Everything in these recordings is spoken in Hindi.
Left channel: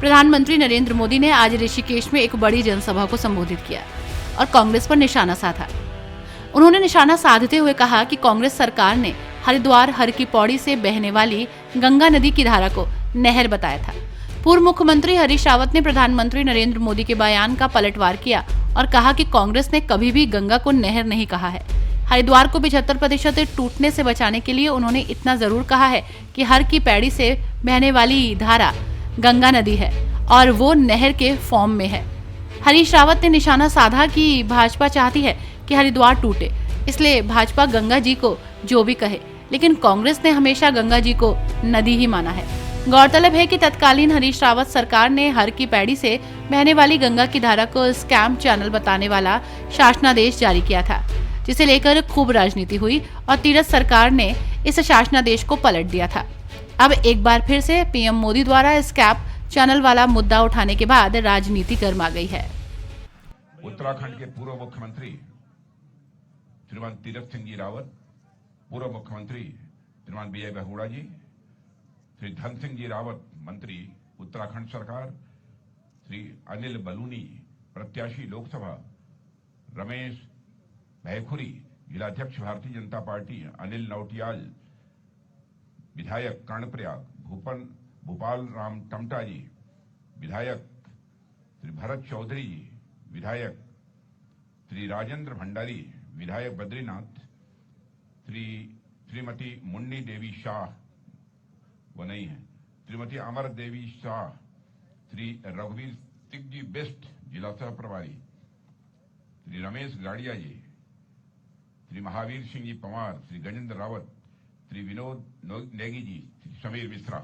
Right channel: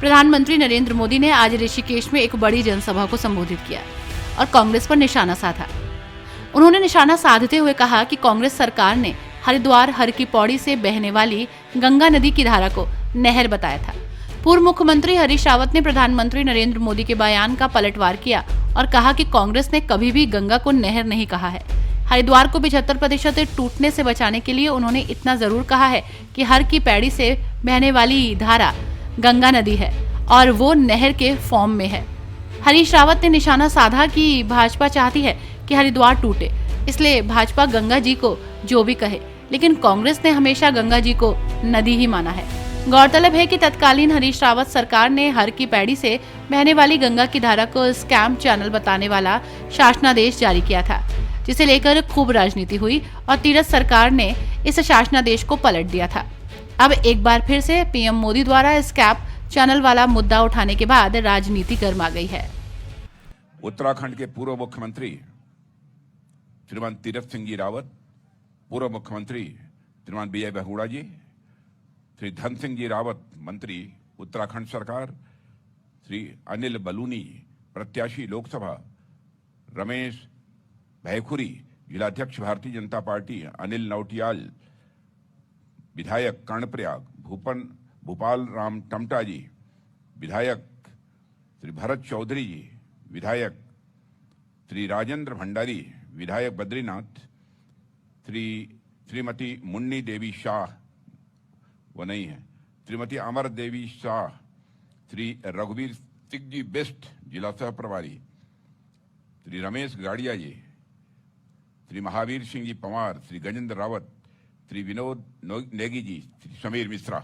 प्रधानमंत्री नरेंद्र मोदी ने आज ऋषिकेश में एक बड़ी जनसभा को संबोधित किया और कांग्रेस पर निशाना साधा। उन्होंने निशाना साधते हुए कहा कि कांग्रेस सरकार ने हरिद्वार हर की पौड़ी से बहने वाली गंगा नदी की धारा को नहर बताया था। पूर्व मुख्यमंत्री हरीश रावत ने प्रधानमंत्री नरेंद्र मोदी के बयान का पलटवार किया और कहा कि कांग्रेस ने कभी भी गंगा को नहर नहीं कहा है। हरिद्वार को 75% टूटने से बचाने के लिए उन्होंने इतना जरूर कहा है कि हर की पैड़ी से बहने वाली धारा गंगा नदी है और वो नहर के फॉर्म में है। हरीश रावत ने निशाना साधा कि भाजपा चाहती है कि हरिद्वार टूटे, इसलिए भाजपा गंगा जी को जो भी कहे, लेकिन कांग्रेस ने हमेशा गंगा जी को नदी ही माना है। गौरतलब है कि तत्कालीन हरीश रावत सरकार ने हर की पैड़ी से बहने वाली गंगा की धारा को स्कैम चैनल बताने वाला शासनादेश जारी किया था, जिसे लेकर खूब राजनीति हुई और तीरथ सरकार ने इस शासनादेश को पलट दिया था। अब एक बार फिर से पीएम मोदी द्वारा स्कैम चैनल वाला मुद्दा उठाने के बाद राजनीति गर्मा गई है। उत्तराखंड के पूर्व मुख्यमंत्री श्रीमान तीरथ सिंह जी रावत, पूर्व मुख्यमंत्री श्रीमान बी बहुगुणा जी, श्री धन सिंह जी रावत मंत्री उत्तराखंड सरकार, श्री अनिल बलूनी प्रत्याशी लोकसभा, रमेश भैखुरी जिलाध्यक्ष भारतीय जनता पार्टी, अनिल नौटियाल विधायक कर्णप्रयाग, भूपाल राम टमटा जी विधायक, श्री भरत चौधरी जी विधायक, श्री राजेंद्र भंडारी विधायक बद्रीनाथ, श्रीमती मुन्नी देवी शाह वो नहीं है, श्रीमती अमर देवी शाह, श्री रघुवीर सिंह जी बेस्ट जिला सह प्रभारी, श्री रमेश गाड़िया जी, श्री महावीर सिंह जी पंवार, श्री गजेंद्र रावत, श्री विनोद नेगी जी, श्री समीर मिश्रा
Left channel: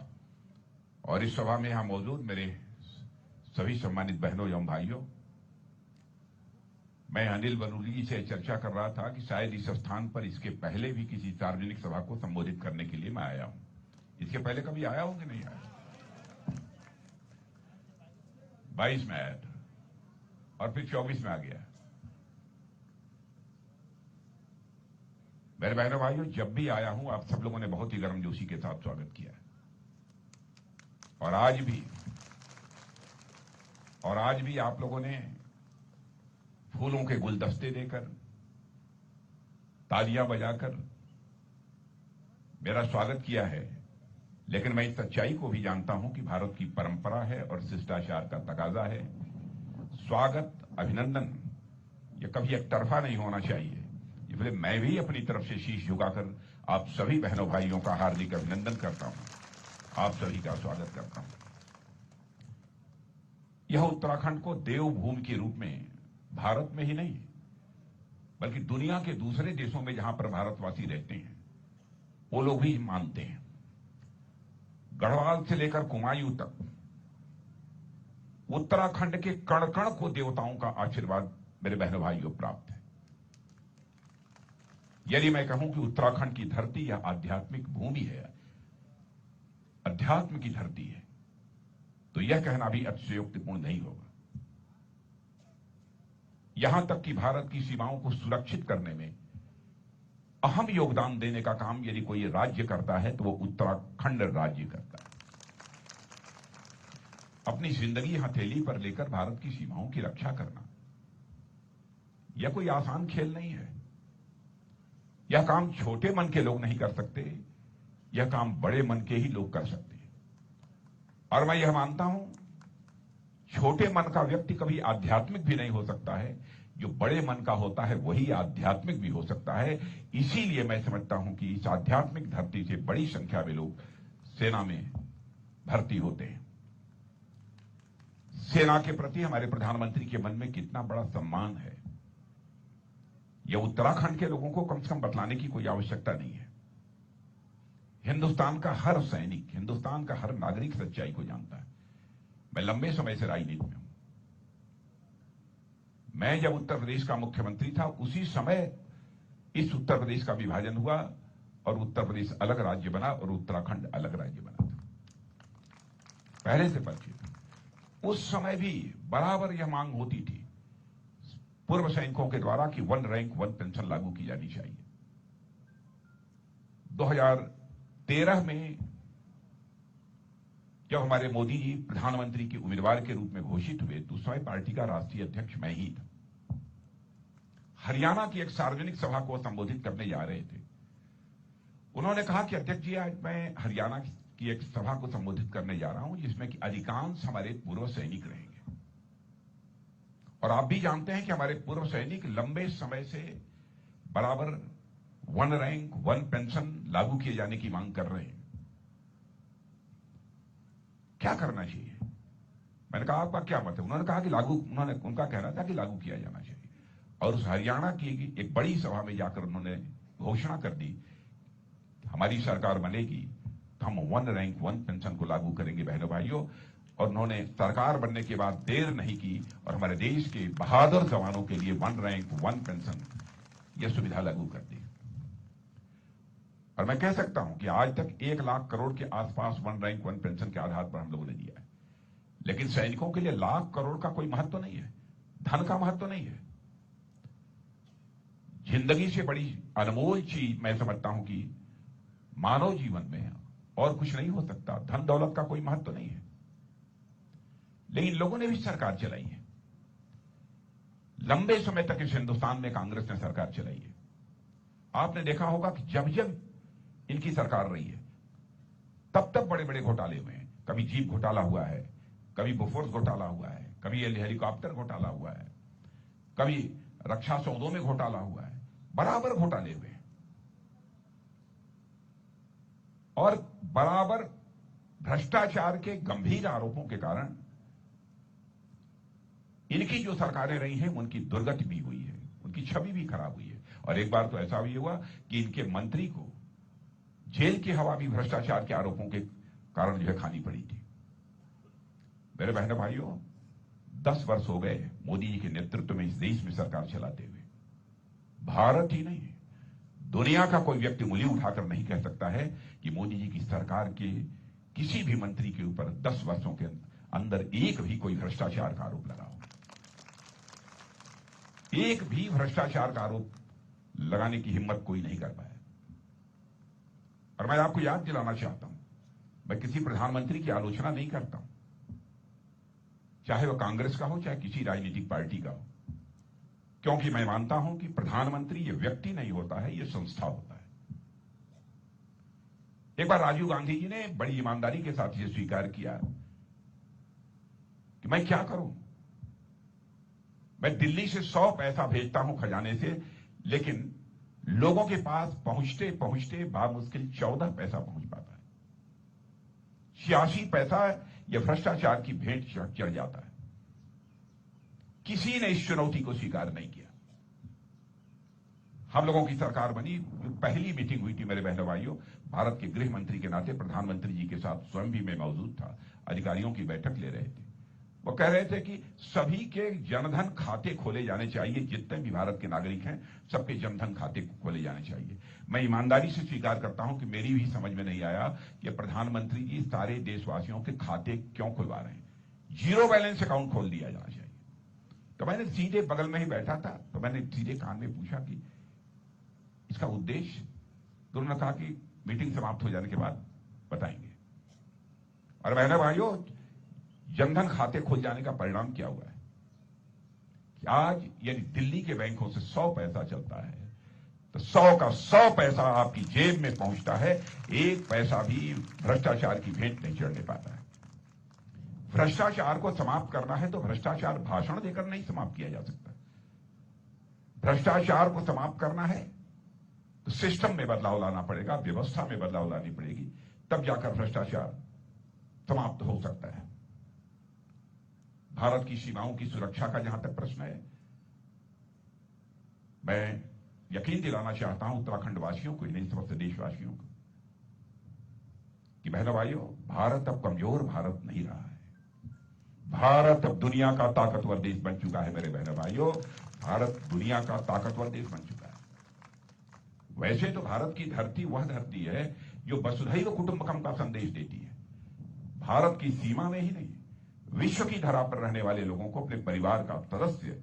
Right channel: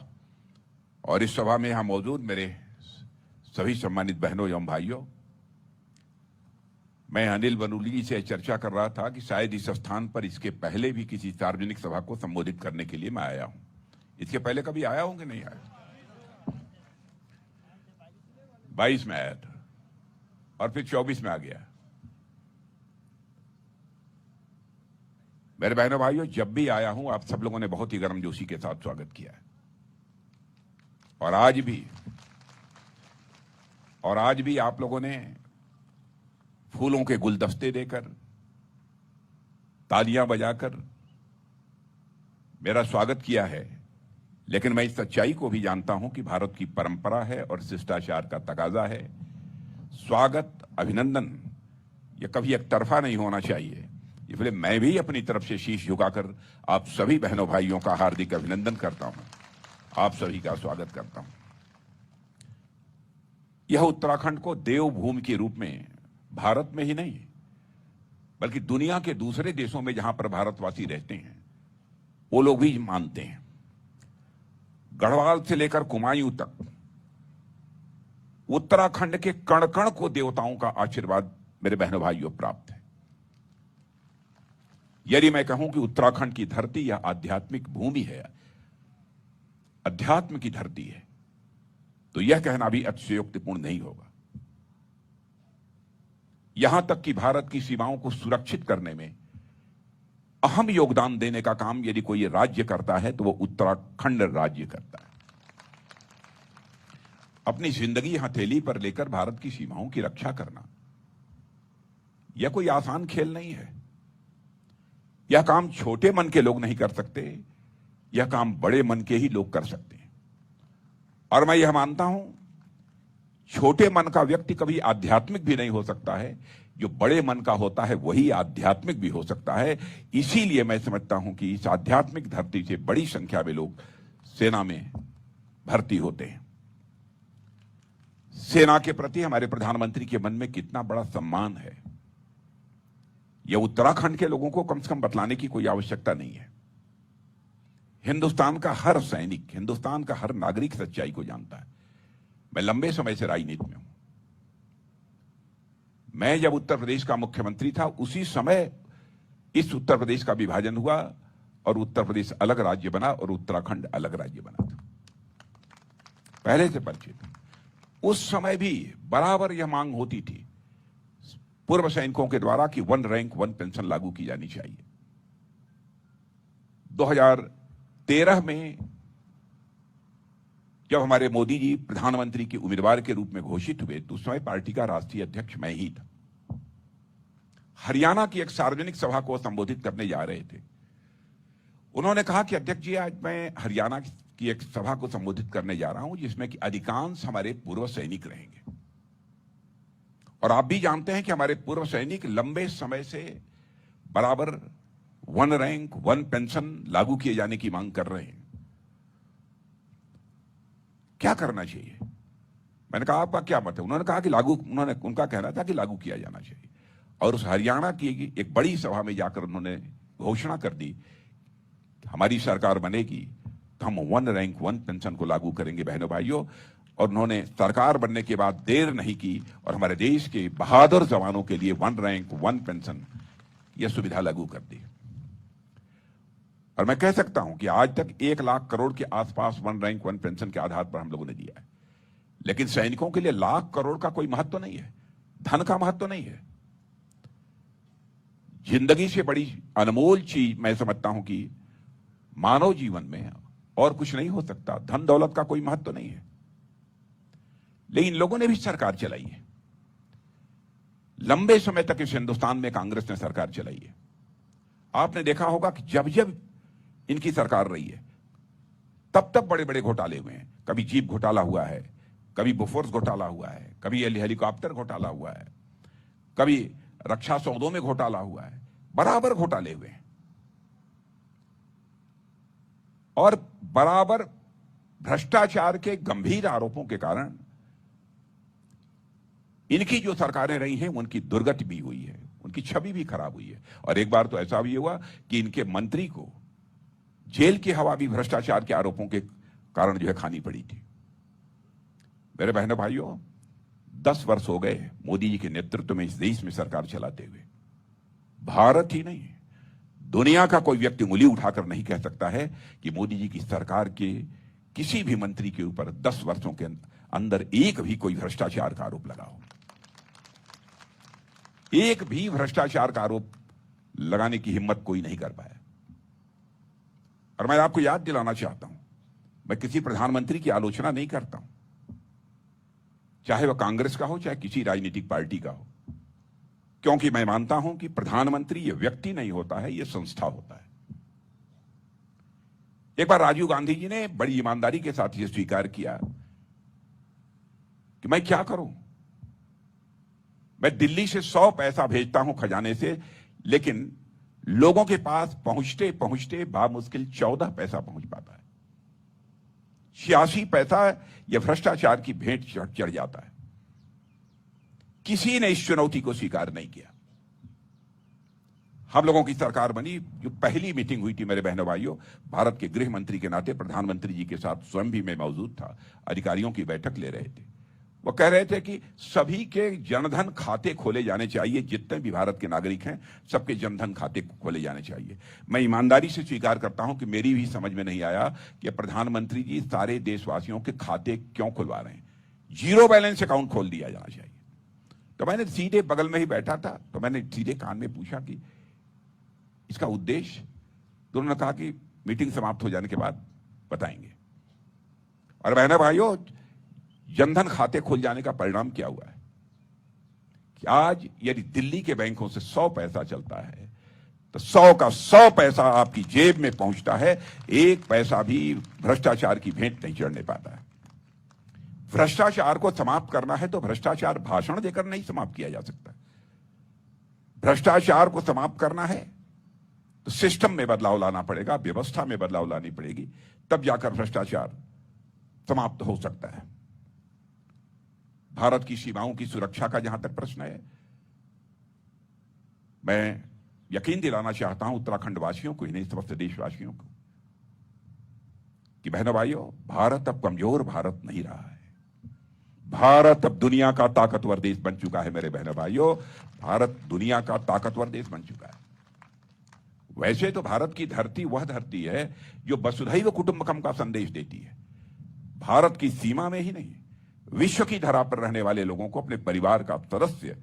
और इस सभा में यहां मौजूद मेरे सभी सम्मानित बहनों एवं भाइयों, मैं अनिल बलूनी जी से चर्चा कर रहा था कि शायद इस स्थान पर इसके पहले भी किसी सार्वजनिक सभा को संबोधित करने के लिए मैं आया हूं। इसके पहले कभी आया हूं कि नहीं आया? 22 में आया था और फिर 24 में आ गया। मेरे बहनों भाइयों, जब भी आया हूं आप सब लोगों ने बहुत ही गर्मजोशी के साथ स्वागत किया है और आज भी आप लोगों ने फूलों के गुलदस्ते देकर, तालियां बजाकर मेरा स्वागत किया है। लेकिन मैं इस सच्चाई को भी जानता हूं कि भारत की परंपरा है और शिष्टाचार का तकाजा है, स्वागत अभिनंदन ये कभी एक तरफा नहीं होना चाहिए। इसलिए मैं भी अपनी तरफ से शीश झुकाकर आप सभी बहनों भाइयों का हार्दिक अभिनंदन करता हूं, आप सभी का स्वागत करता हूं। यह उत्तराखंड को देवभूमि के रूप में भारत में ही नहीं बल्कि दुनिया के दूसरे देशों में जहां पर भारतवासी रहते हैं वो लोग भी मानते हैं। गढ़वाल से लेकर कुमायूं तक उत्तराखंड के कण कण को देवताओं का आशीर्वाद मेरे बहनों भाइयों प्राप्त है। यदि मैं कहूं कि उत्तराखंड की धरती यह आध्यात्मिक भूमि है, अध्यात्म की धरती है, तो यह कहना भी अतिशयोक्तिपूर्ण नहीं होगा। यहां तक कि भारत की सीमाओं को सुरक्षित करने में अहम योगदान देने का काम यदि कोई राज्य करता है तो वो उत्तराखंड राज्य करता है। अपनी जिंदगी हथेली पर लेकर भारत की सीमाओं की रक्षा करना यह कोई आसान खेल नहीं है। यह काम छोटे मन के लोग नहीं कर सकते, यह काम बड़े मन के ही लोग कर सकते हैं। और मैं यह मानता हूं छोटे मन का व्यक्ति कभी आध्यात्मिक भी नहीं हो सकता है, जो बड़े मन का होता है वही आध्यात्मिक भी हो सकता है। इसीलिए मैं समझता हूं कि इस आध्यात्मिक धरती से बड़ी संख्या में लोग सेना में भर्ती होते हैं। सेना के प्रति हमारे प्रधानमंत्री के मन में कितना बड़ा सम्मान है, यह उत्तराखंड के लोगों को कम से कम बतलाने की कोई आवश्यकता नहीं है। हिंदुस्तान का हर सैनिक, हिंदुस्तान का हर नागरिक सच्चाई को जानता है। मैं लंबे समय से राजनीति में हूं। मैं जब उत्तर प्रदेश का मुख्यमंत्री था उसी समय इस उत्तर प्रदेश का विभाजन हुआ और उत्तर प्रदेश अलग राज्य बना और उत्तराखंड अलग राज्य बना था। पहले से परिचित। उस समय भी बराबर यह मांग होती थी पूर्व सैनिकों के द्वारा कि 1 रैंक 1 पेंशन लागू की जानी चाहिए। 2013 में जब हमारे मोदी जी प्रधानमंत्री के उम्मीदवार के रूप में घोषित हुए तो उस समय पार्टी का राष्ट्रीय अध्यक्ष मैं ही था। हरियाणा की एक सार्वजनिक सभा को संबोधित करने जा रहे थे। उन्होंने कहा कि अध्यक्ष जी, आज मैं हरियाणा की एक सभा को संबोधित करने जा रहा हूं जिसमें कि अधिकांश हमारे पूर्व सैनिक रहेंगे, और आप भी जानते हैं कि हमारे पूर्व सैनिक लंबे समय से बराबर 1 रैंक 1 पेंशन लागू किए जाने की मांग कर रहे हैं। क्या करना चाहिए? मैंने कहा आपका क्या मत है? उन्होंने कहा कि उनका कहना था कि लागू किया जाना चाहिए, और उस हरियाणा की एक बड़ी सभा में जाकर उन्होंने घोषणा कर दी, हमारी सरकार बनेगी तो हम 1 रैंक 1 पेंशन को लागू करेंगे बहनों भाइयों। और उन्होंने सरकार बनने के बाद देर नहीं की और हमारे देश के बहादुर जवानों के लिए 1 रैंक 1 पेंशन यह सुविधा लागू कर दी। और मैं कह सकता हूं कि आज तक 1 लाख करोड़ के आसपास 1 रैंक 1 पेंशन के आधार पर हम लोगों ने दिया है, लेकिन सैनिकों के लिए लाख करोड़ का कोई महत्व नहीं है, धन का महत्व नहीं है। जिंदगी से बड़ी अनमोल चीज मैं समझता हूं कि मानव जीवन में और कुछ नहीं हो सकता। धन दौलत का कोई महत्व नहीं है, लेकिन लोगों ने भी सरकार चलाई है। लंबे समय तक इस हिंदुस्तान में कांग्रेस ने सरकार चलाई है। आपने देखा होगा कि जब जब इनकी सरकार रही है तब तब बड़े बड़े घोटाले हुए हैं। कभी जीप घोटाला हुआ है, कभी बोफोर्स घोटाला हुआ है, कभी हेलीकॉप्टर घोटाला हुआ है, कभी रक्षा सौदों में घोटाला हुआ है, बराबर घोटाले हुए हैं। और बराबर भ्रष्टाचार के गंभीर आरोपों के कारण इनकी जो सरकारें रही हैं उनकी दुर्गति भी हुई है, उनकी छवि भी खराब हुई है। और एक बार तो ऐसा भी हुआ कि इनके मंत्री को जेल की हवा भी भ्रष्टाचार के आरोपों के कारण जो है खानी पड़ी थी। मेरे बहनों भाइयों, 10 वर्ष हो गए मोदी जी के नेतृत्व में इस देश में सरकार चलाते हुए। भारत ही नहीं, दुनिया का कोई व्यक्ति उंगली उठाकर नहीं कह सकता है कि मोदी जी की सरकार के किसी भी मंत्री के ऊपर 10 वर्षों के अंदर एक भी कोई भ्रष्टाचार का आरोप लगा हो। एक भी भ्रष्टाचार का आरोप लगाने की हिम्मत कोई नहीं कर पाया। और मैं आपको याद दिलाना चाहता हूं, मैं किसी प्रधानमंत्री की आलोचना नहीं करता हूं, चाहे वह कांग्रेस का हो चाहे किसी राजनीतिक पार्टी का हो, क्योंकि मैं मानता हूं कि प्रधानमंत्री यह व्यक्ति नहीं होता है, यह संस्था होता है। एक बार राजीव गांधी जी ने बड़ी ईमानदारी के साथ यह स्वीकार किया कि मैं क्या करूं, मैं दिल्ली से 100 पैसा भेजता हूं खजाने से, लेकिन लोगों के पास पहुंचते पहुंचते बामुश्किल 14 पैसा पहुंच पाता है। 86 पैसा यह भ्रष्टाचार की भेंट चढ़ जाता है। किसी ने इस चुनौती को स्वीकार नहीं किया। हम लोगों की सरकार बनी, जो पहली मीटिंग हुई थी मेरे बहनों भाइयों, भारत के गृह मंत्री के नाते प्रधानमंत्री जी के साथ स्वयं भी मैं मौजूद था, अधिकारियों की बैठक ले रहे थे। वो कह रहे थे कि सभी के जनधन खाते खोले जाने चाहिए, जितने भी भारत के नागरिक हैं सबके जनधन खाते खोले जाने चाहिए। मैं ईमानदारी से स्वीकार करता हूं कि मेरी भी समझ में नहीं आया कि प्रधानमंत्री जी सारे देशवासियों के खाते क्यों खुलवा रहे हैं। 0 बैलेंस अकाउंट खोल दिया जाना चाहिए। तो मैंने सीधे बगल में ही बैठा था, तो मैंने सीधे कान में पूछा कि इसका उद्देश्य? तो उन्होंने कहा कि मीटिंग समाप्त हो जाने के बाद बताएंगे। और बहनों भाइयों, जनधन खाते खुल जाने का परिणाम क्या हुआ है कि आज यदि दिल्ली के बैंकों से 100 पैसा चलता है तो 100 का 100 पैसा आपकी जेब में पहुंचता है। 1 पैसा भी भ्रष्टाचार की भेंट नहीं चढ़ने पाता है। भ्रष्टाचार को समाप्त करना है तो भ्रष्टाचार भाषण देकर नहीं समाप्त किया जा सकता। भ्रष्टाचार को समाप्त करना है तो सिस्टम में बदलाव लाना पड़ेगा, व्यवस्था में बदलाव लानी पड़ेगी, तब जाकर भ्रष्टाचार समाप्त हो सकता है। भारत की सीमाओं की सुरक्षा का जहां तक प्रश्न है, मैं यकीन दिलाना चाहता हूं उत्तराखंड वासियों को, नहीं समस्त देशवासियों को, कि बहनों भाइयों, भारत अब कमजोर भारत नहीं रहा है। भारत अब दुनिया का ताकतवर देश बन चुका है। मेरे बहनों भाइयों, भारत दुनिया का ताकतवर देश बन चुका है। वैसे तो भारत की धरती वह धरती है जो वसुधैव कुटुंबकम का संदेश देती है। भारत की सीमा में ही नहीं, विश्व की धरा पर रहने वाले लोगों को अपने परिवार का सदस्य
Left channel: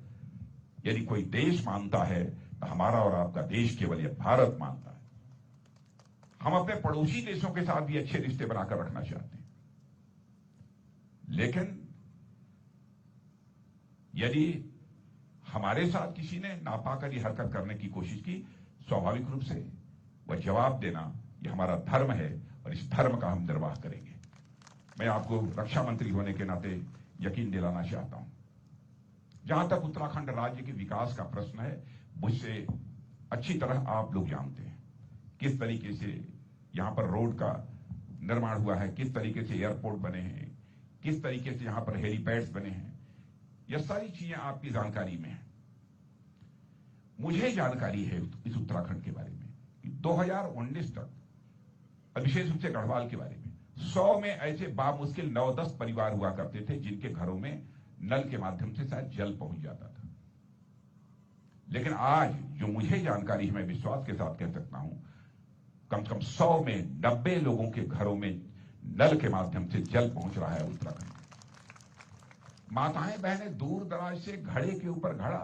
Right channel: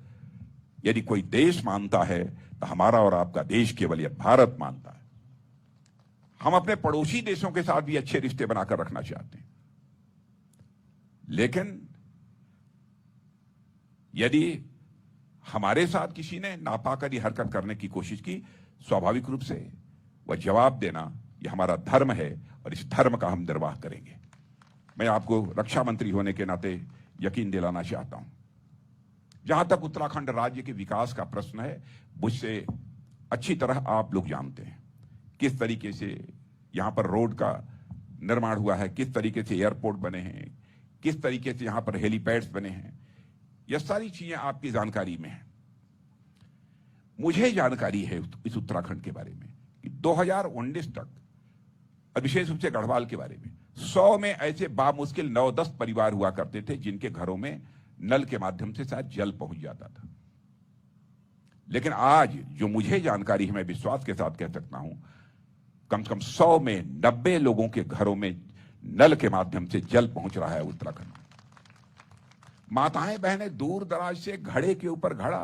यदि कोई देश मानता है तो हमारा और आपका देश केवल यह भारत मानता है। हम अपने पड़ोसी देशों के साथ भी अच्छे रिश्ते बनाकर रखना चाहते हैं। लेकिन यदि हमारे साथ किसी ने नापाकरी हरकत करने की कोशिश की, स्वाभाविक रूप से वह जवाब देना यह हमारा धर्म है और इस धर्म का हम निर्वाह करेंगे। मैं आपको रक्षा मंत्री होने के नाते यकीन दिलाना चाहता हूं, जहां तक उत्तराखंड राज्य के विकास का प्रश्न है, मुझसे अच्छी तरह आप लोग जानते हैं किस तरीके से यहां पर रोड का निर्माण हुआ है, किस तरीके से एयरपोर्ट बने हैं, किस तरीके से यहां पर हेलीपैड्स बने हैं। यह सारी चीजें आपकी जानकारी में है। मुझे जानकारी है इस उत्तराखंड के बारे में कि 2019 तक, और विशेष रूप से गढ़वाल के बारे में, 100 में ऐसे बामुश्किल 9-10 परिवार हुआ करते थे जिनके घरों में नल के माध्यम से शायद जल पहुंच जाता था। लेकिन आज जो मुझे जानकारी है, मैं विश्वास के साथ कह सकता हूं, कम से कम 100 में 90 लोगों के घरों में नल के माध्यम से जल पहुंच रहा है उत्तराखंड में। माताएं बहनें दूर दराज से घड़े के ऊपर घड़ा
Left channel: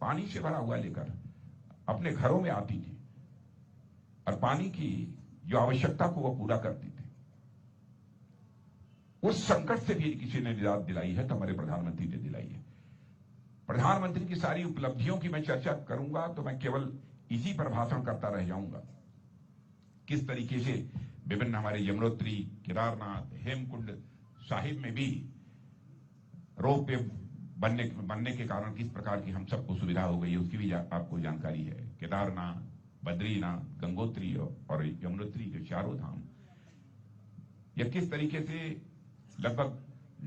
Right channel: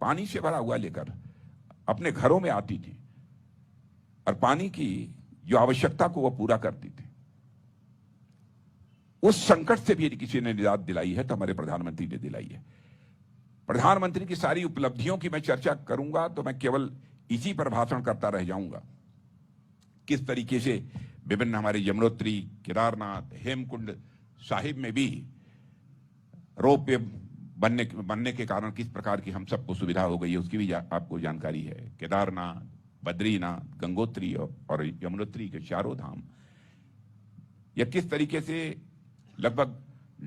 पानी से भरा हुआ लेकर अपने घरों में आती थी और पानी की जो आवश्यकता को वह पूरा करती थी। उस संकट से भी यदि किसी ने निजात दिलाई है तो हमारे प्रधानमंत्री ने दिलाई है। प्रधानमंत्री की सारी उपलब्धियों की मैं चर्चा करूंगा तो मैं केवल इसी पर भाषण करता रह जाऊंगा। किस तरीके से विभिन्न हमारे यमुनोत्री, केदारनाथ, हेमकुंड साहिब में भी रोपवे बनने के कारण किस प्रकार की हम सबको सुविधा हो गई है, उसकी भी आपको जानकारी है। केदारनाथ, बद्रीनाथ, गंगोत्री और यमुनोत्री के चारों धाम यह किस तरीके से लगभग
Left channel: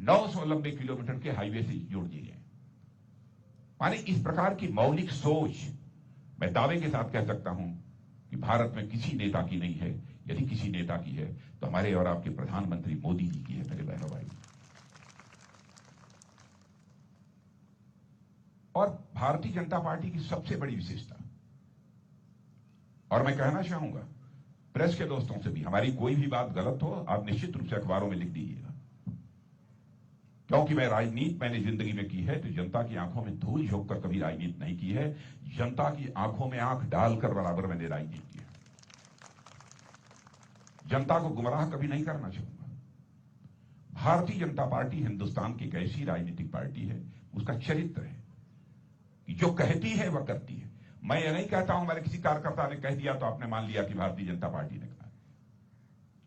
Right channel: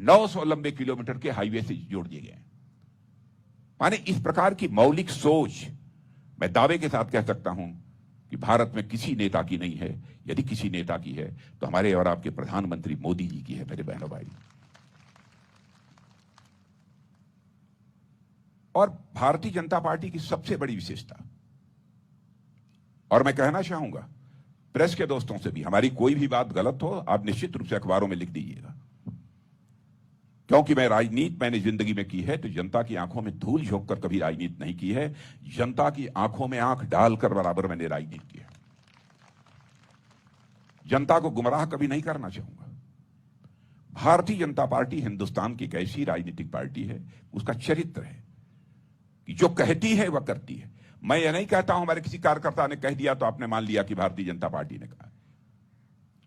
900 लंबे किलोमीटर के हाईवे से जोड़ दिए गए। माने इस प्रकार की मौलिक सोच मैं दावे के साथ कह सकता हूं कि भारत में किसी नेता की नहीं है। यदि किसी नेता की है तो हमारे और आपके प्रधानमंत्री मोदी जी की है, मेरे बहनों भाई। और भारतीय जनता पार्टी की सबसे बड़ी विशेषता, और मैं कहना चाहूंगा प्रेस के दोस्तों से भी, हमारी कोई भी बात गलत हो आप निश्चित रूप से अखबारों में लिख दीजिएगा, क्योंकि मैंने जिंदगी में की है तो जनता की आंखों में धूल झोंक कर कभी राजनीति नहीं की है। जनता की आंखों में आंख डालकर बराबर मैंने राजनीति की है। जनता को गुमराह कभी नहीं करना चाहूंगा। भारतीय जनता पार्टी हिंदुस्तान की एक ऐसी राजनीतिक पार्टी है, उसका चरित्र है कि जो कहती है वह करती है। मैं यह नहीं कहता हूं हमारे किसी कार्यकर्ता ने कह दिया तो आपने मान लिया कि भारतीय जनता पार्टी ने कहा।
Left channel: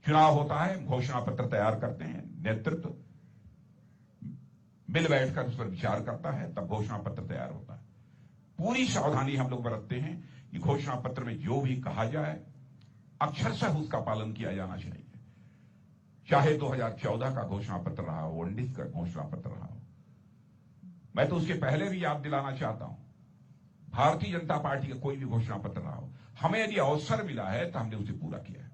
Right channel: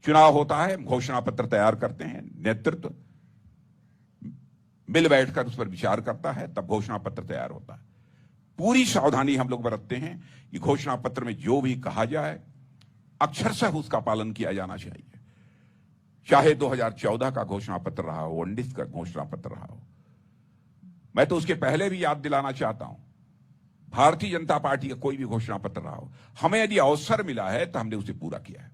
चुनाव होता है, घोषणा पत्र तैयार करते हैं, नेतृत्व मिल बैठकर उस पर विचार करता है, तब घोषणा पत्र तैयार होता है। पूरी सावधानी हम लोग बरतते हैं कि घोषणा पत्र में जो भी कहा जाए अक्षरशः उसका पालन किया जाना चाहिए। चाहे 2014 का घोषणा पत्र रहा हो, 19 का घोषणा पत्र रहा हो। मैं तो उसके पहले भी याद दिलाना चाहता हूं, भारतीय जनता पार्टी का कोई भी घोषणा पत्र रहा हो, हमें यदि अवसर मिला है तो हमने उसे पूरा किया है।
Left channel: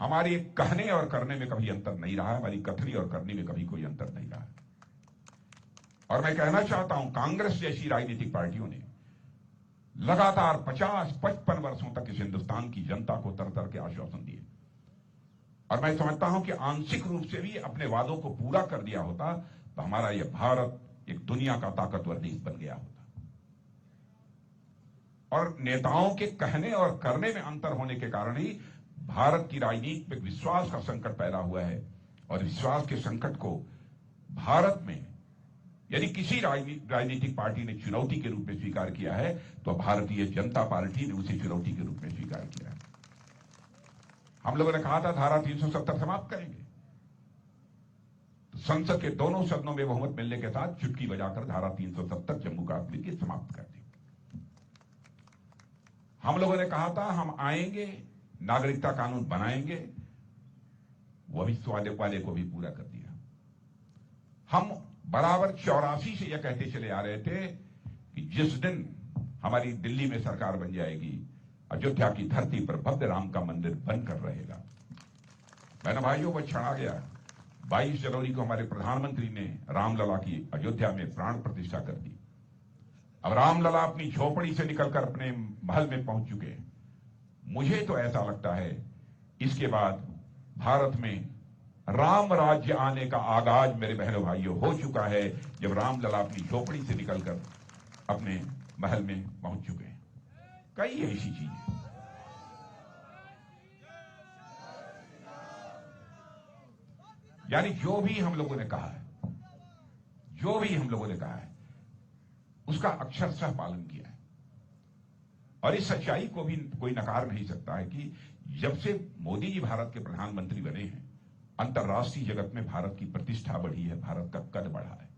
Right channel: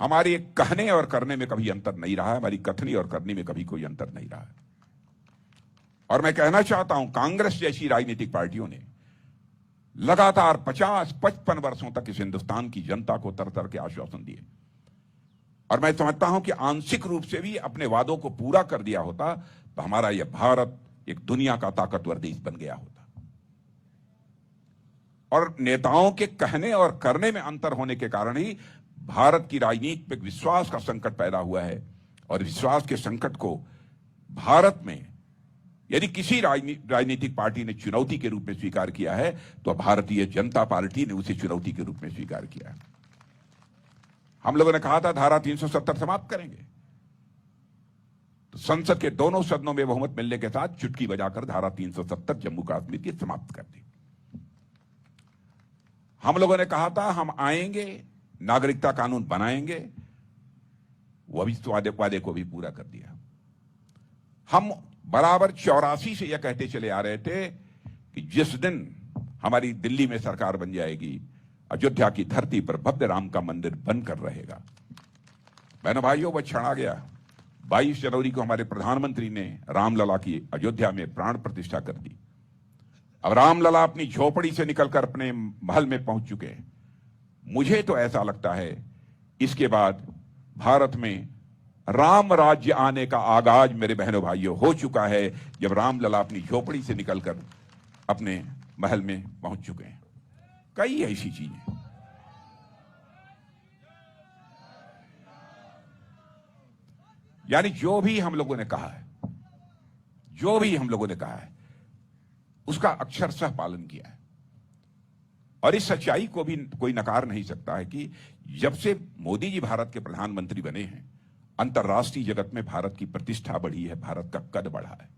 हमारे कहने और करने में कभी अंतर नहीं रहा है, हमारी कथनी और करनी में कभी कोई अंतर नहीं रहा है। और मैं कहना चाहता हूं, कांग्रेस जैसी राजनीतिक पार्टियों ने लगातार 50-55 वर्षों तक इस हिंदुस्तान की जनता को तरह के आश्वासन दिए, और मैं समझता हूं कि आंशिक रूप से भी अपने वादों को पूरा कर दिया होता तो हमारा यह भारत एक दुनिया का ताकतवर देश बन गया होता। और नेताओं के कहने और करने में अंतर होने के कारण ही भारत की राजनीति में विश्वास का संकट पैदा हुआ है। और विश्वास के संकट को भारत में यदि किसी राजनीतिक पार्टी ने चुनौती के रूप में स्वीकार किया है तो भारतीय जनता पार्टी ने उसे चुनौती के रूप में स्वीकार किया है। हम लोगों ने कहा था धारा 370 समाप्त करेंगे, तो संसद के दोनों सदनों में बहुमत मिलने के साथ चुटकी बजाकर धारा 370 जम्मू कश्मीर की समाप्त कर दी। हम लोगों ने कहा था हम आएंगे, नागरिकता कानून बनाएंगे, वह भी वादे को भी पूरा कर दिया। हम बराबर 84 से यह कहते चले आ रहे थे कि जिस दिन हमारी दिल्ली में सरकार बन जाएगी, अयोध्या की धरती पर भव्य राम का मंदिर बनकर रहेगा। बहनों भाइयों, वह क्षण आ गया। 22 जनवरी को हमारे प्रधानमंत्री ने रामलला की अयोध्या में प्राण प्रतिष्ठा कर दी। अब रामलला अपनी झोपड़ी से निकलकर अपने महल में पहुंच चुके हैं। मुझे तो ऐसा लगता है इसके बाद भारत में राम राज्य आने का आगाज मेरे बहनों भाइयों हो चुका है, जब रामलला अपनी झोपड़ी से निकलकर अपने महल में पहुंच चुके हैं। कई ऐसी चीजें यानी जो भी हम लोगों ने कहा है, जो भी हम लोगों ने कहा है, उसका अक्षरशः पालन किया है। और इस सच्चाई को भी कोई नकार नहीं सकता है कि जब से मोदी जी भारत के प्रधानमंत्री बने हैं, अंतर्राष्ट्रीय जगत में भारत की प्रतिष्ठा बढ़ी है, भारत का कद बढ़ा है।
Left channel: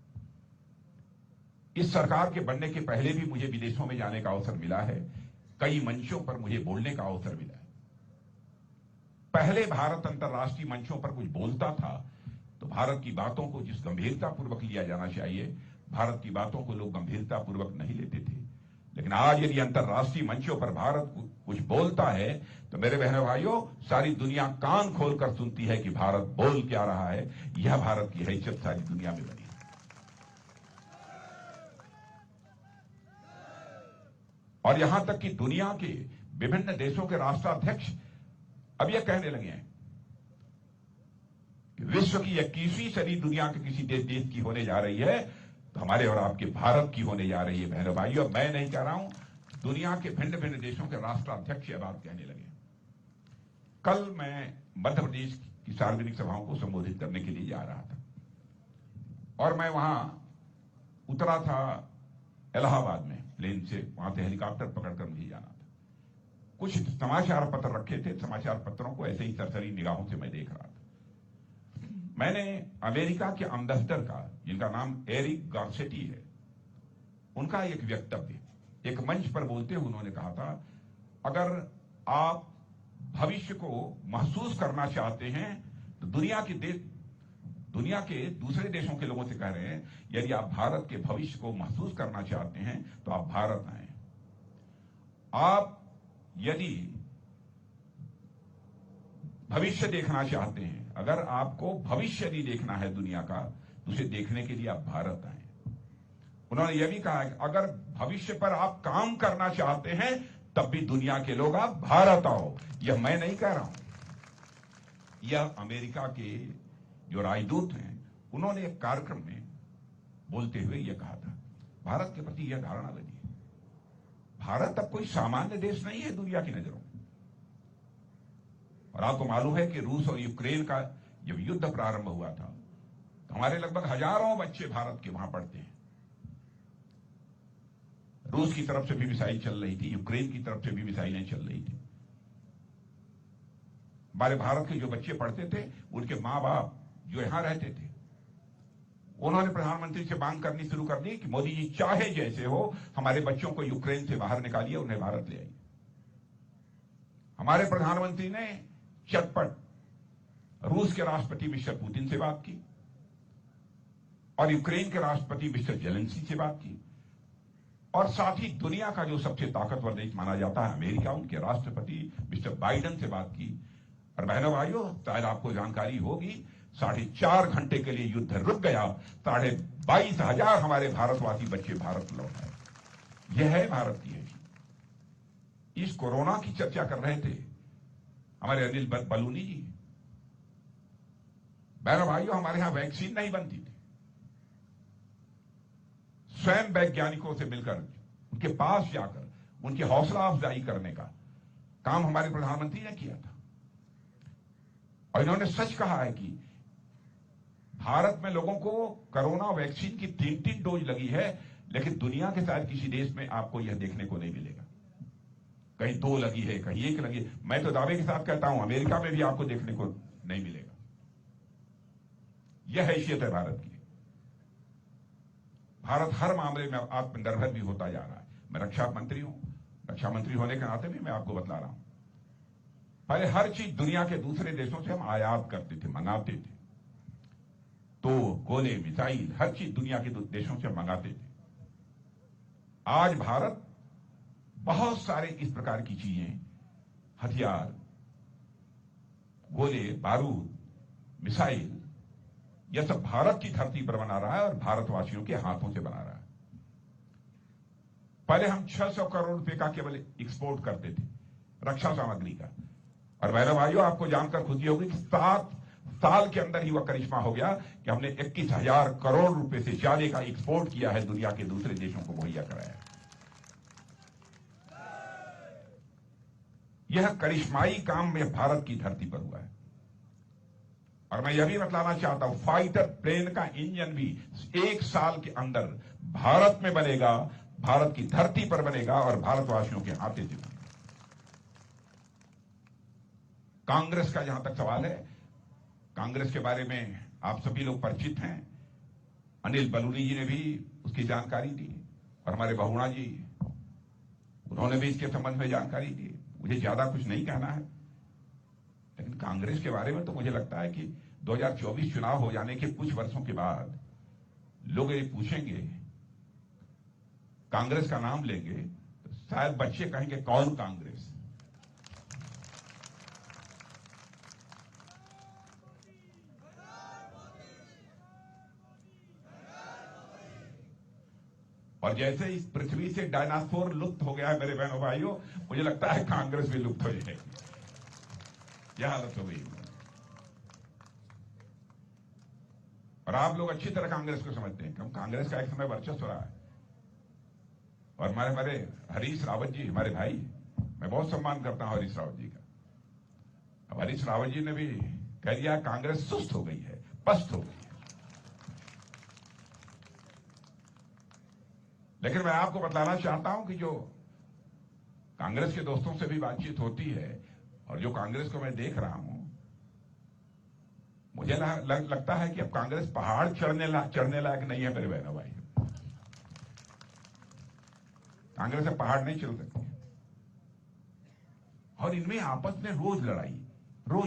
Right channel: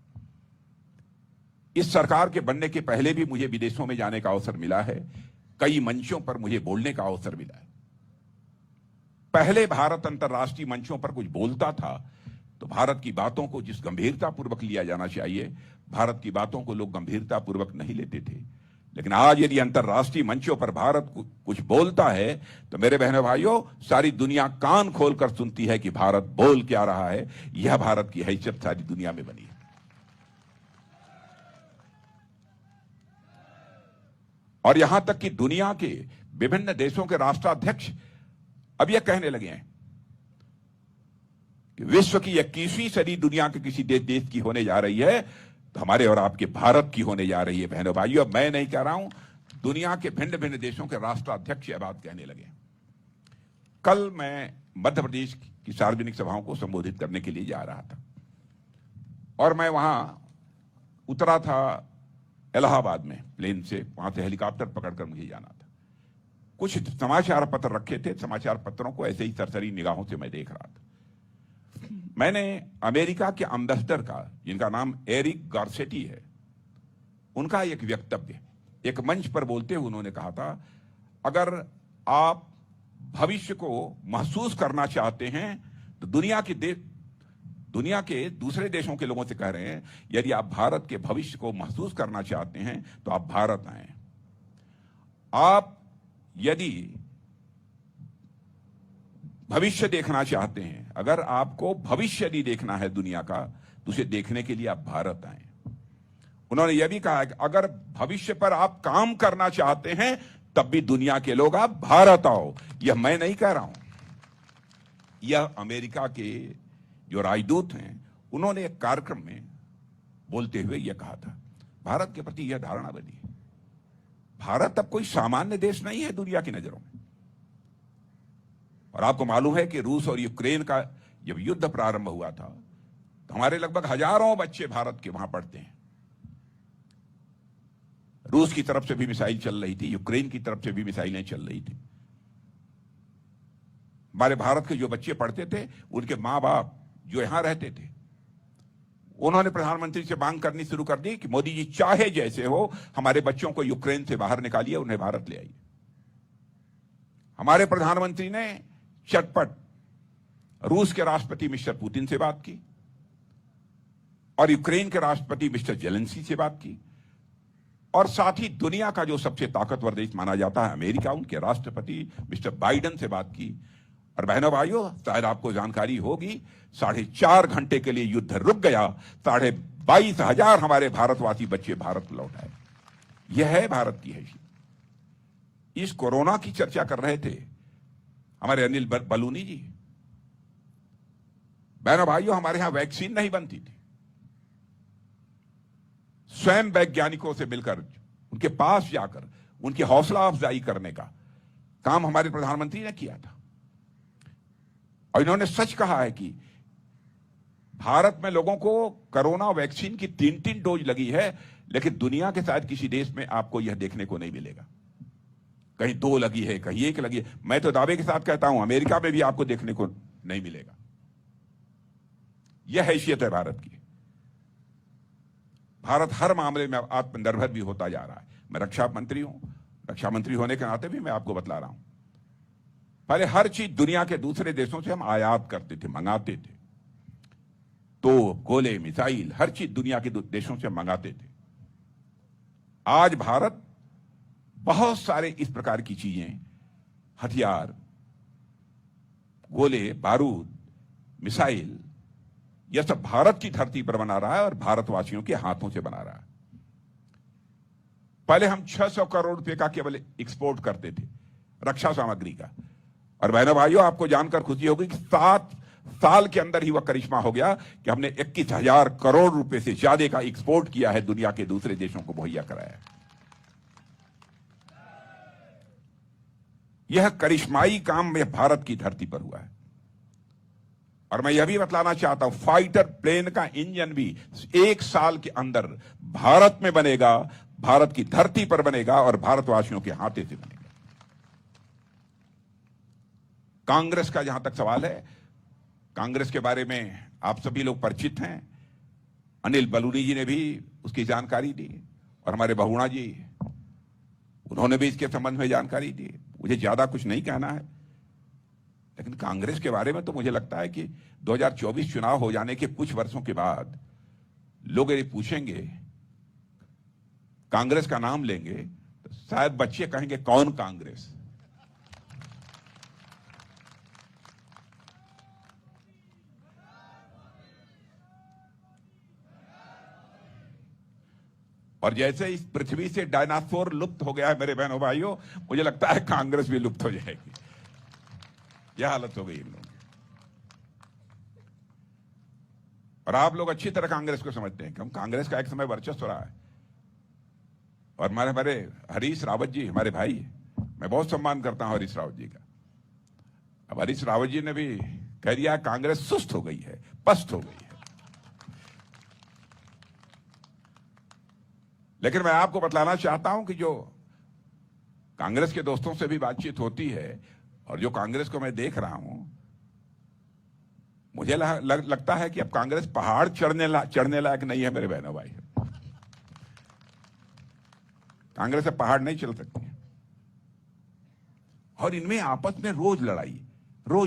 इस सरकार के बनने के पहले भी मुझे विदेशों में जाने का अवसर मिला है, कई मंचों पर मुझे बोलने का अवसर मिला है। पहले भारत अंतर्राष्ट्रीय मंचों पर कुछ बोलता था तो भारत की बातों को जिस गंभीरता पूर्वक लिया जाना चाहिए, भारत की बातों को लोग गंभीरता पूर्वक नहीं लेते थे। लेकिन आज यदि अंतर्राष्ट्रीय मंचों पर भारत कुछ बोलता है तो मेरे बहनों भाइयों, सारी दुनिया कान खोलकर सुनती है कि भारत बोल क्या रहा है। यह भारत की हैसियत सारी दुनिया में बनी है। और यहां तक कि दुनिया के विभिन्न देशों के राष्ट्राध्यक्ष अब यह कहने लगे हैं कि विश्व की 21वीं सदी दुनिया के किसी देश की होने जा रही है तो हमारे और आपके भारत की होने जा रही है। बहनों भाइयों, अब मैं नहीं कह रहा हूं, दुनिया के भिन्न भिन्न देशों के राष्ट्राध्यक्ष यह बात कहने लगे। कल मैं मध्य प्रदेश की सार्वजनिक सभाओं को संबोधित करने के लिए जा रहा था और मैं वहां उतरा था इलाहाबाद में प्लेन से, वहां से हेलीकॉप्टर पकड़कर मुझे जाना था। कुछ समाचार पत्र रखे थे, समाचार पत्रों को ऐसे ही सरसरी निगाहों से मैं देख रहा था। मैंने अमेरिका के एम्बेसडर का, जिनका नाम एरिक गार्सेटी है, उनका एक वक्तव्य एक मंच पर बोलते हुए उन्होंने कहा था, अगर आप भविष्य को महसूस करना चाहते हैं तो दुनिया के दूसरे देशों के लोगों से कह रहे हैं, यदि आप भारत के भविष्य को महसूस करना चाहते हैं तो आप भारत आएं। आप यदि भविष्य देखना चाहते हैं, अगर आपको भविष्य नहीं देखना है दुनिया का, तो उसे देखने के लिए आप भारत आएं। उन्होंने यह भी कहा कि अगर भविष्य पर आप काम करना चाहते हैं तब भी दुनिया के लोग आप भारत आओ। यह मैं नहीं कह रहा हूं, यह अमेरिका के जो राजदूत हैं उन्होंने एक कार्यक्रम में बोलते हुए यह कहा था। भारत के प्रति यह धारणा बनी, भारत अब कोई सामान्य देश नहीं है दुनिया की नजरों में। और आपको मालूम है कि रूस और यूक्रेन का जब युद्ध प्रारंभ हुआ था तो हमारे लगभग हजारों बच्चे भारत के वहां पढ़ते हैं। रूस की तरफ से भी मिसाइल चल रही थी, यूक्रेन की तरफ से भी मिसाइलें चल रही थी। हमारे भारत के जो बच्चे पढ़ते थे, उनके मां बाप जो यहां रहते थे, उन्होंने प्रधानमंत्री से मांग करनी शुरू कर दी कि मोदी जी चाहे जैसे हो हमारे बच्चों को यूक्रेन से बाहर निकालिए, उन्हें भारत ले आइए। हमारे प्रधानमंत्री ने चटपट रूस के राष्ट्रपति मिस्टर पुतिन से बात की और यूक्रेन के राष्ट्रपति मिस्टर जेलेंस्की से बात की और साथ ही दुनिया का जो सबसे ताकतवर देश माना जाता है अमेरिका, उनके राष्ट्रपति मिस्टर बाइडेन से बात की। और बहनों भाइयों, शायद आपको जानकारी होगी, 4.5 घंटे के लिए युद्ध रुक गया, 22,500 हमारे भारतवासी बच्चे भारत लौट आए। यह है भारत की हैसियत। इस कोरोना की चर्चा कर रहे थे हमारे अनिल बलूनी जी। बहनों भाइयों, हमारे यहां वैक्सीन नहीं बनती थी। स्वयं वैज्ञानिकों से मिलकर, उनके पास जाकर उनकी हौसला अफजाई करने का काम हमारे प्रधानमंत्री ने किया था। और इन्होंने सच कहा है कि भारत में लोगों को कोरोना वैक्सीन की 3-3 डोज लगी है, लेकिन दुनिया के शायद किसी देश में आपको यह देखने को नहीं मिलेगा। कहीं 2 लगी है, कहीं 1 लगी है। मैं तो दावे के साथ कहता हूं अमेरिका में भी आपको देखने को नहीं मिलेगा। यह हैसियत है भारत की। भारत हर मामले में आत्मनिर्भर भी होता जा रहा है। मैं रक्षा मंत्री हूं, रक्षा मंत्री होने के नाते भी मैं आपको बतला रहा हूं, पहले हर चीज दुनिया के दूसरे देशों से हम आयात करते थे, मंगाते थे। तो गोले, मिसाइल, हर चीज दुनिया के देशों से मंगाते थे। आज भारत बहुत सारे इस प्रकार की चीजें, हथियार, गोले, बारूद, मिसाइल, यह सब भारत की धरती पर बना रहा है और भारतवासियों के हाथों से बना रहा है। पहले हम 600 करोड़ रुपए का केवल एक्सपोर्ट करते थे रक्षा सामग्री का। और बहनों भाइयों, आपको जानकर खुशी होगी कि 7 साल के अंदर ही वह करिश्मा हो गया कि हमने 21,000 करोड़ रुपए से ज्यादा का एक्सपोर्ट किया है, दुनिया के दूसरे देशों को मुहैया कराया। यह करिश्माई काम में भारत की धरती पर हुआ है। और मैं यह भी बतलाना चाहता हूं, फाइटर प्लेन का इंजन भी 1 साल के अंदर भारत में बनेगा, भारत की धरती पर बनेगा और भारतवासियों के हाथे से बनेगा। कांग्रेस का जहां तक सवाल है, कांग्रेस के बारे में आप सभी लोग परिचित हैं। अनिल बलूनी जी ने भी उसकी जानकारी दी और हमारे बहुगुणा जी, उन्होंने भी इसके संबंध में जानकारी दी। मुझे ज्यादा कुछ नहीं कहना है, लेकिन कांग्रेस के बारे में तो मुझे लगता है कि 2024 चुनाव हो जाने के कुछ वर्षों के बाद लोग यदि पूछेंगे, कांग्रेस का नाम लेंगे, तो शायद बच्चे कहेंगे कौन कांग्रेस। और जैसे इस पृथ्वी से डायनासोर लुप्त हो गया है मेरे बहनों भाइयों, मुझे लगता है कांग्रेस भी लुप्त हो जाएगी। यह हालत हो गई। और आप लोग अच्छी तरह कांग्रेस को समझते हैं, क्योंकि कांग्रेस का एक समय वर्चस्व रहा है। और हमारे हरीश रावत जी हमारे भाई, मैं बहुत सम्मान करता हूं हरीश रावत जी का। अब हरीश रावत जी ने भी कह दिया कांग्रेस सुस्त हो गई है, पस्त हो गई है। लेकिन मैं आपको बतलाना चाहता हूं कि जो कांग्रेस के दोस्तों से भी बातचीत होती है और जो कांग्रेस को मैं देख रहा हूं, मुझे लगता है कि अब कांग्रेस पहाड़ चढ़ने लायक नहीं है मेरे बहनों भाई। कांग्रेस अब पहाड़ नहीं चल सकती और इनमें आपस में रोज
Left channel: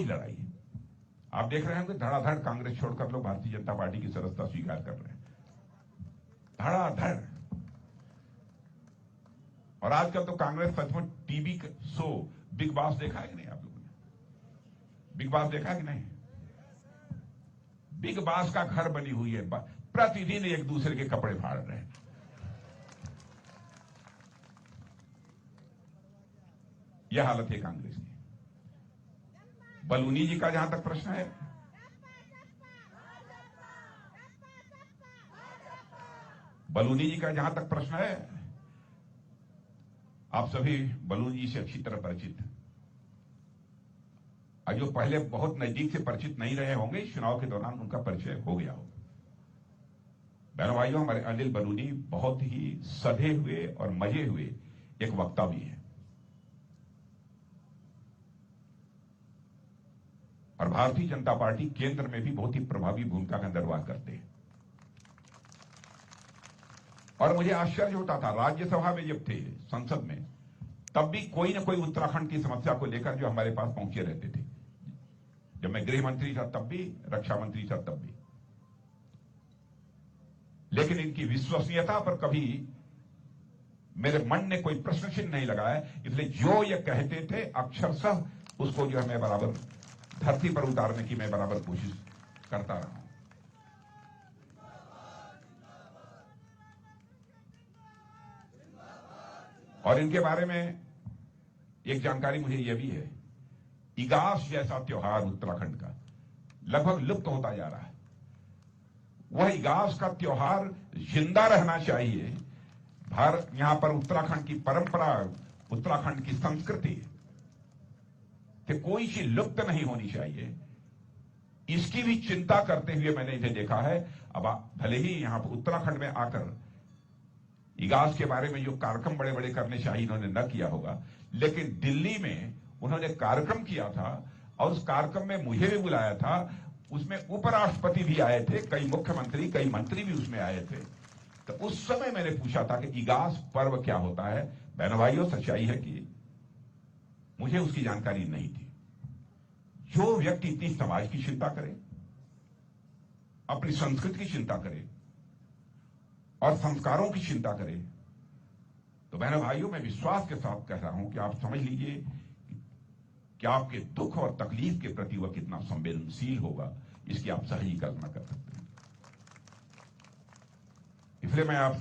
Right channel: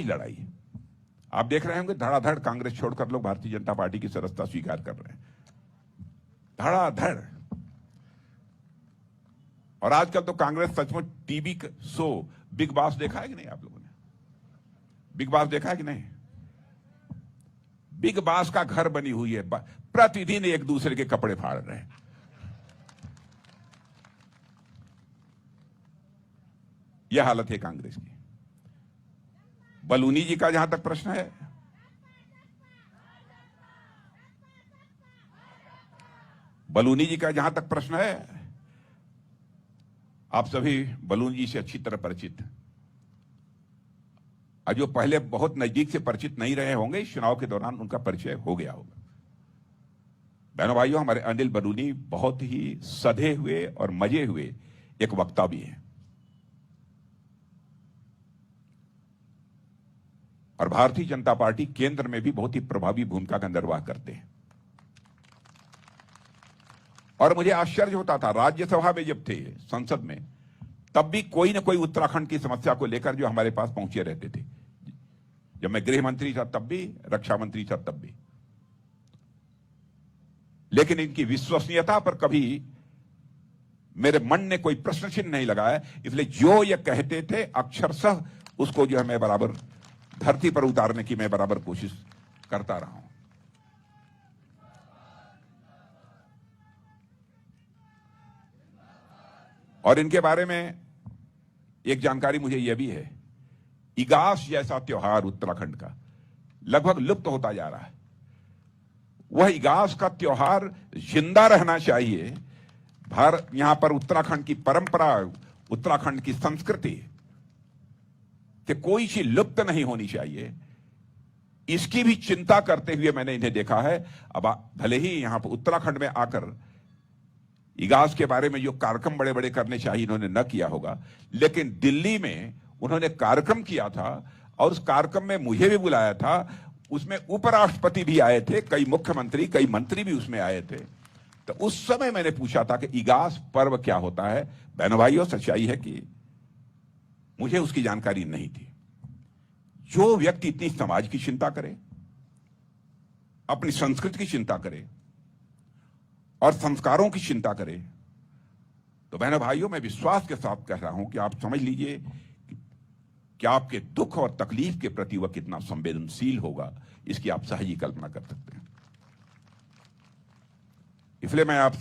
लड़ाई। आप देख रहे होंगे धड़ाधड़ कांग्रेस छोड़कर लोग भारतीय जनता पार्टी की सदस्यता स्वीकार कर रहे हैं, धड़ाधड़। और आजकल तो कांग्रेस सचमुच टीवी शो बिग बॉस देखा है कि नहीं? आप लोगों ने बिग बॉस देखा है कि नहीं? बिग बॉस का घर बनी हुई है, प्रतिदिन एक दूसरे के कपड़े फाड़ रहे हैं। यह हालत है कांग्रेस की। बलूनी जी का जहां तक प्रश्न है, आप सभी बलूनी जी से अच्छी तरह परिचित हैं। जो पहले बहुत नजदीक से परिचित नहीं रहे होंगे, इस चुनाव के दौरान उनका परिचय हो गया होगा। बहनों भाइयों, हमारे अनिल बलूनी बहुत ही सधे हुए और मजे हुए एक वक्ता भी है और भारतीय जनता पार्टी केंद्र में भी बहुत ही प्रभावी भूमिका का निर्वाह करते हैं। और मुझे आश्चर्य होता था, राज्यसभा में जब थे, संसद में, तब भी कोई ना कोई उत्तराखंड की समस्या को लेकर जो हमारे पास पहुंचे रहते थे। जब मैं गृह मंत्री था तब भी, रक्षा मंत्री था तब भी। लेकिन इनकी विश्वसनीयता पर कभी मेरे मन ने कोई प्रश्न चिन्ह नहीं लगाया। इसलिए जो ये कहते थे अक्षरशः उसको जो है मैं बराबर धरती पर उतारने की मैं बराबर कोशिश करता रहा हूं। और इनके बारे में एक जानकारी मुझे यह भी है, इगास जैसा त्योहार उत्तराखंड का लगभग लुप्त होता जा रहा है। वह इगास का त्योहार जिंदा रहना चाहिए। यहां पर उत्तराखंड की परंपरा, उत्तराखंड की संस्कृति कि कोई चीज लुप्त नहीं होनी चाहिए, इसकी भी चिंता करते हुए मैंने इन्हें देखा है। अब भले ही यहां पर उत्तराखंड में आकर इगास के बारे में जो कार्यक्रम बड़े बड़े करने चाहिए इन्होंने न किया होगा, लेकिन दिल्ली में उन्होंने कार्यक्रम किया था और उस कार्यक्रम में मुझे भी बुलाया था। उसमें उपराष्ट्रपति भी आए थे, कई मुख्यमंत्री, कई मंत्री भी उसमें आए थे। तो उस समय मैंने पूछा था कि इगास पर्व क्या होता है। बहनों भाइयों, सच्चाई है कि मुझे उसकी जानकारी नहीं थी। जो व्यक्ति इतनी समाज की चिंता करे, अपनी संस्कृति की चिंता करे और संस्कारों की चिंता करे, तो बहनों भाइयों, मैं विश्वास के साथ कह रहा हूं कि आप समझ लीजिए कि आपके दुख और तकलीफ के प्रति वह कितना संवेदनशील होगा, इसकी आप सही कल्पना कर सकते हैं। इसलिए मैं आप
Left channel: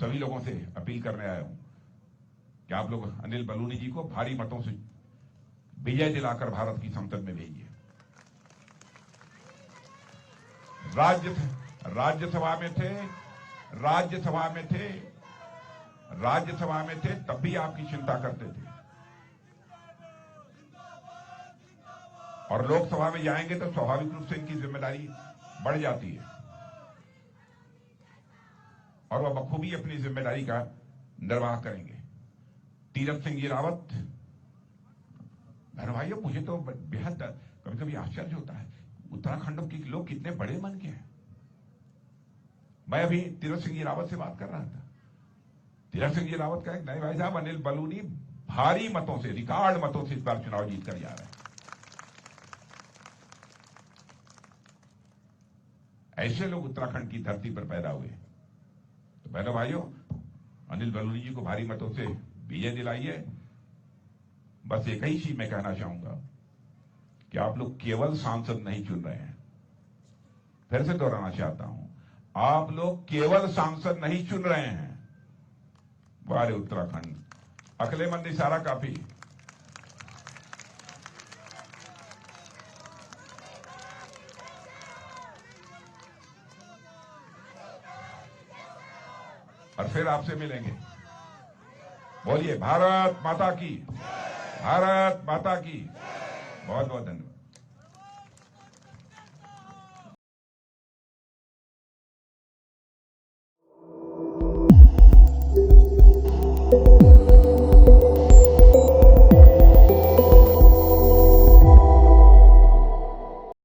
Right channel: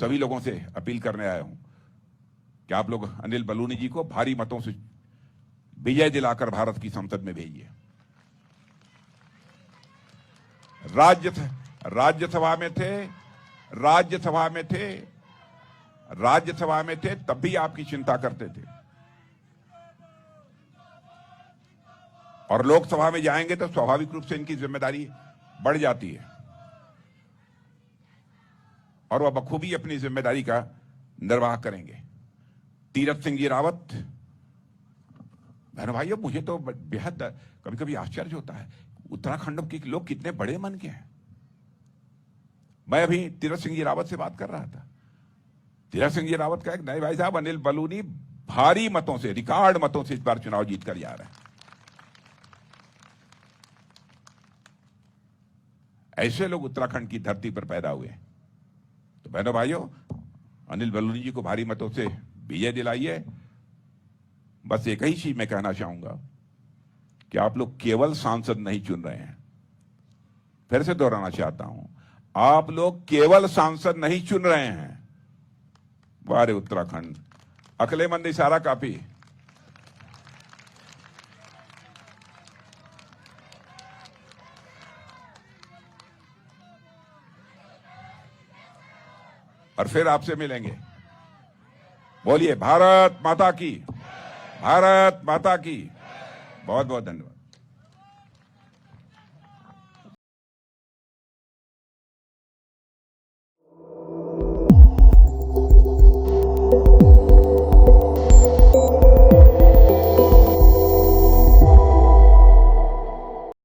सभी लोगों से अपील करने आया हूं कि आप लोग अनिल बलूनी जी को भारी मतों से विजय दिलाकर भारत की संसद में भेजिए। राज्यसभा में थे तब भी आपकी चिंता करते थे और लोकसभा में जाएंगे तो स्वाभाविक रूप से इनकी जिम्मेदारी बढ़ जाती है और वह बखूबी अपनी जिम्मेदारी का निर्वाह करेंगे। तीरथ सिंह जी रावत, बहन भाइयों, मुझे तो बेहद कभी कभी आश्चर्य होता है, उत्तराखंड के लोग कितने बड़े मन के हैं। मैं अभी तीरथ सिंह जी रावत से बात कर रहा था। तीरथ सिंह जी रावत का एक नए भाई साहब अनिल बलूनी भारी मतों से, रिकॉर्ड मतों से इस बार चुनाव जीत कर जा रहे हैं। ऐसे लोग उत्तराखंड की धरती पर पैदा हुए। तो बहनों भाइयों, अनिल बलूनी जी को भारी मतों से विजय दिलाइए। बस एक ही चीज मैं कहना चाहूंगा कि आप लोग केवल सांसद नहीं चुन रहे हैं, फिर से दोहराना चाहता हूं, आप लोग केवल सांसद नहीं चुन रहे हैं। वारे उत्तराखंड, अकलेमंद इशारा काफी। और फिर आपसे मिलेंगे। बोलिए भारत माता की, भारत माता की। बहुत बहुत धन्यवाद।